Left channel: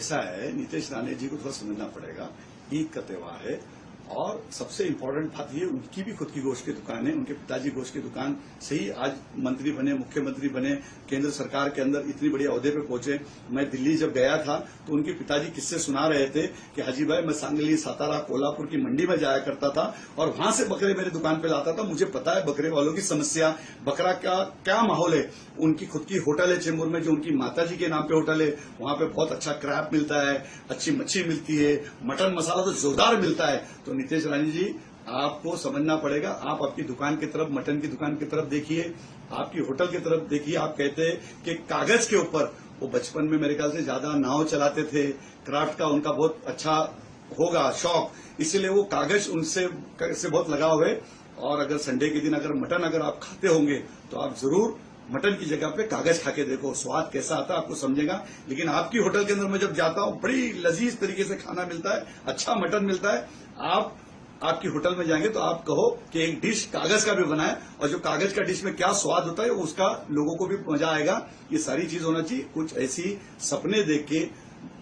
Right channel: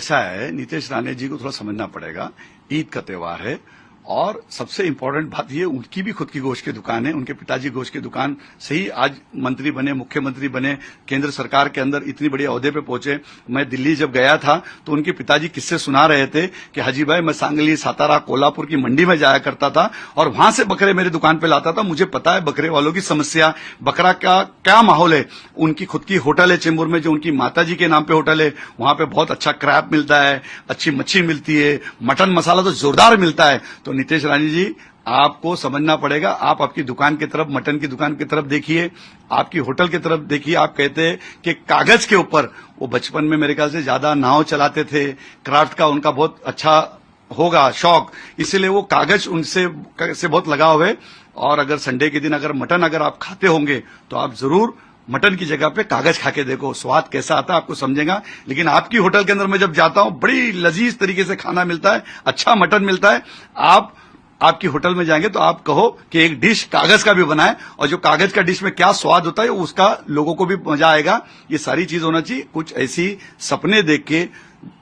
ऐसा है, नीतीश राणे जी को थोड़ा समझना पड़ेगा। ईद का त्योहार है और सबसे इम्पोर्टेंट बात ये, उनकी भी खुद की गोश्त की दुकान है, उनके पिताजी गोश्त की दुकान से ही आज मंत्री बने, मुख्यमंत्री बने, केंद्र सरकार के अंदर इतनी बड़ी ओहदे पे पहुंचे। मैं दिल्ली जब गया था तो उनके पिताजी किस्से सुना रहे थे कि हाजी भाई, मैं सांगली, सातारा, कोल्हापुर की मंडी में जाया करता था और वहां से बकरे मेरी दुकान पे लाता था। मुझे पता है बकरे वालों की समस्या, बकरा का क्या माहौल है। उनकी खुद की होटल है चेंबूर में, जो उनकी माता जी के नाम पे होटल है, वहां पे बहुत अच्छा क्रैब मिलता है, अच्छी मच्छी मिलती है, मटन मसाला तो जोरदार मिलता है। तो नीतीश राणे जी, आपको समझना पड़ेगा। आप आपकी दुकान की तरफ, मटन की दुकान की तरफ देखिए, आपकी होटल की तरफ देखिए। आप कहते हैं कि कागज के ऊपर, वो बचपन में मेरे ख्याल से ज्यादा नाव चलाते थे, क्राफ्ट का उनका बहुत अच्छा होगा शौक, इसीलिए वो कागज उनसे से बहुत लगाव है। और अगर संडे के दिन अगर मटन अगर आप खाते होंगे तो आप जरूर मटन की जगह पे कागज खा के देखो, स्वाद कैसा आता है आपको समझेगा। लेकिन आपकी होटल के अंदर मैं जब जाता हूं, बड़ी लजीज तरीके से खाना मिलता है, अच्छा मटन मिलता है। आपकी होटल में जाएंगे तो आप कहो कि एक डिश कागज का भी बनाए, और जो कागज का डिश में क्या स्वाद होता है उसका लोगों को भी मजा आएगा। ये सारी चीज होना चाहिए। कुछ ऐसी सपने देख के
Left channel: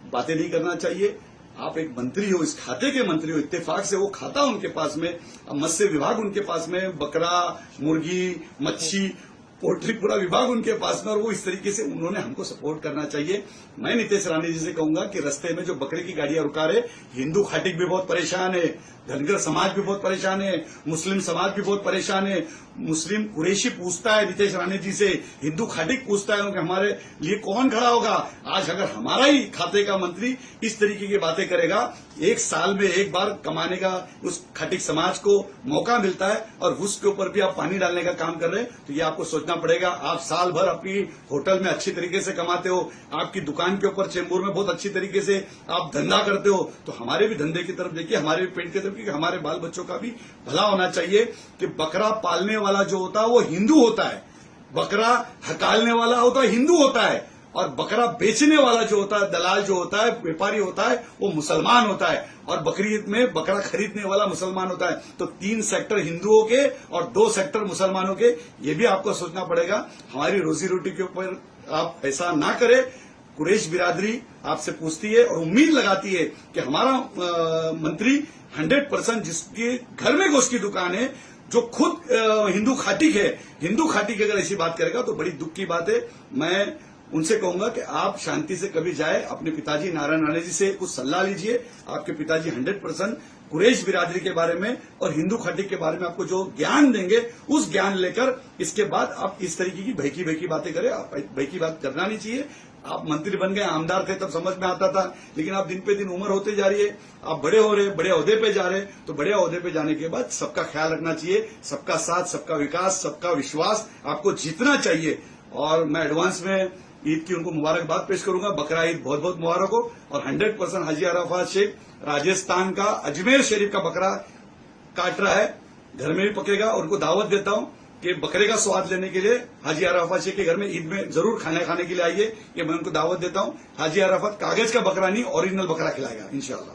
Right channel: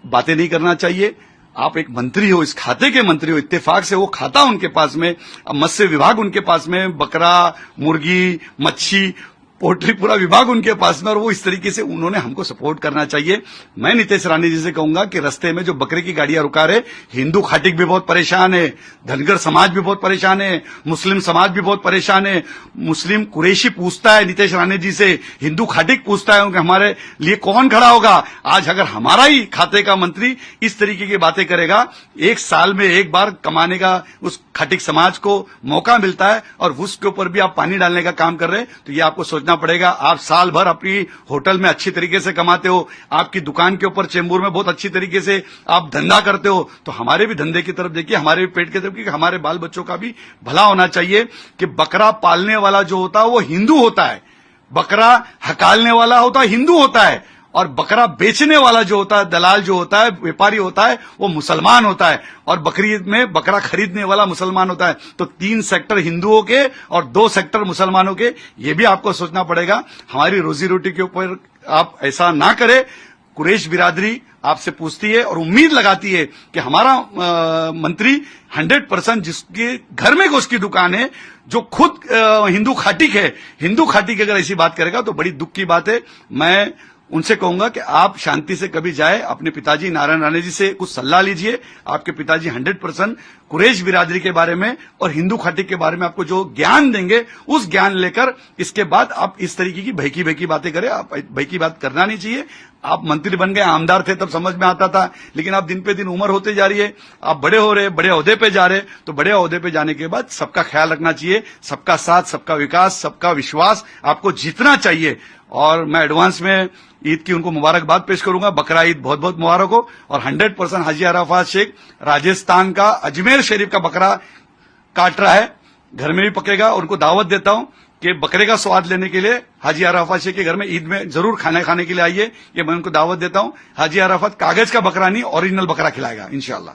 बातें नहीं करना चाहिए। आप एक मंत्री हो, इस खाते के मंत्री हो, इत्तेफाक से वो खाता उनके पास में, मत्स्य विभाग उनके पास में, बकरा, मुर्गी, मच्छी, पोल्ट्री पूरा विभाग उनके पास में, और वो इस तरीके से उन्होंने हमको सपोर्ट करना चाहिए। मैं नीतीश राणे जी से कहूंगा कि रास्ते में जो बकरे की गाड़ियां रुका रहे, हिंदू खाटिक भी बहुत परेशान है, धनगर समाज भी बहुत परेशान है, मुस्लिम समाज भी बहुत परेशान है। मुस्लिम कुरैशी पूछता है नीतीश राणे जी से, हिंदू खाटिक पूछता है कि हमारे लिए कौन खड़ा होगा। आज अगर हमारा ही खाते का मंत्री इस तरीके की बातें करेगा, एक साल में एक बार कमाने का उस खाटिक समाज को मौका मिलता है और उसके ऊपर भी आप पानी डालने का काम कर रहे हैं, तो ये आपको सोचना पड़ेगा। आप साल भर अपनी होटल में अच्छी तरीके से कमाते हो, आपकी दुकान के ऊपर चेंबूर में बहुत अच्छी तरीके से आप धंधा करते हो, तो हमारे भी धंधे की तरफ देखिए, हमारे भी पेट की तरफ, क्योंकि हमारे बाल बच्चों का भी भला होना चाहिए। कि बकरा पालने वाला जो होता है वो हिंदू होता है, बकरा हकालने वाला होता है हिंदू होता है, और बकरा बेचने वाला जो होता है, दलाल जो होता है, व्यापारी होता है, वो मुसलमान होता है, और बकरीद में बकरा खरीदने वाला मुसलमान होता है। तो 3 सेक्टर हिंदुओं के और 2 सेक्टर मुसलमानों के, ये भी आपको सोचना पड़ेगा। हमारी रोजी रोटी के ऊपर आप ऐसा ना करें। कुरैश बिरादरी आपसे पूछती है और उम्मीद लगाती है कि हमारा मंत्री 100% जिसके घर में गोश्त की दुकान है, जो खुद हिंदू खाटिक है, हिंदू खाटिक अगर ऐसी बात करेगा तो बड़ी दुख की बात है। मैं उनसे कहूंगा कि आप शांति से कभी जाए, अपने पिताजी नारायण राणे जी से कुछ सलाह लीजिए। आपके पिताजी 100% कुरैश बिरादरी के बारे में और हिंदू खाटिक के बारे में आपको जो ज्ञान देंगे, उस ज्ञान लेकर इसके बाद आप इस तरीके की भयकी बातें करें। आप भयकी बात करना नहीं चाहिए। आप मंत्री बन गए, आमदार थे तब समझ में आता था, लेकिन आप दिन पे दिन उम्र होते जा रही है, आप बड़े हो रहे, बड़े ओहदे पे जा रहे, तो बड़े ओहदे पे जाने के बाद सबका ख्याल रखना चाहिए। सबका साथ, सबका विकास, सबका विश्वास आपको जीतना चाहिए। और मैं एडवांस में ईद की उनको मुबारकबाद पेश करूंगा। बकरा ईद बहुत बहुत मुबारक हो। और 100% हाजी अराफात शेख राजस्थान का अजमेर शरीफ का बकरा काट रहा है, घर में भी पकेगा, और उनको दावत देता हूं कि बकरे का स्वाद लेने के लिए हाजी अराफात शेख के घर में ईद में जरूर खाना खाने के लिए आइए। ये मैं उनको दावत देता हूं। हाजी अराफात कागज का बकरा नहीं, ओरिजिनल बकरा खिलाएगा इंशाअल्लाह।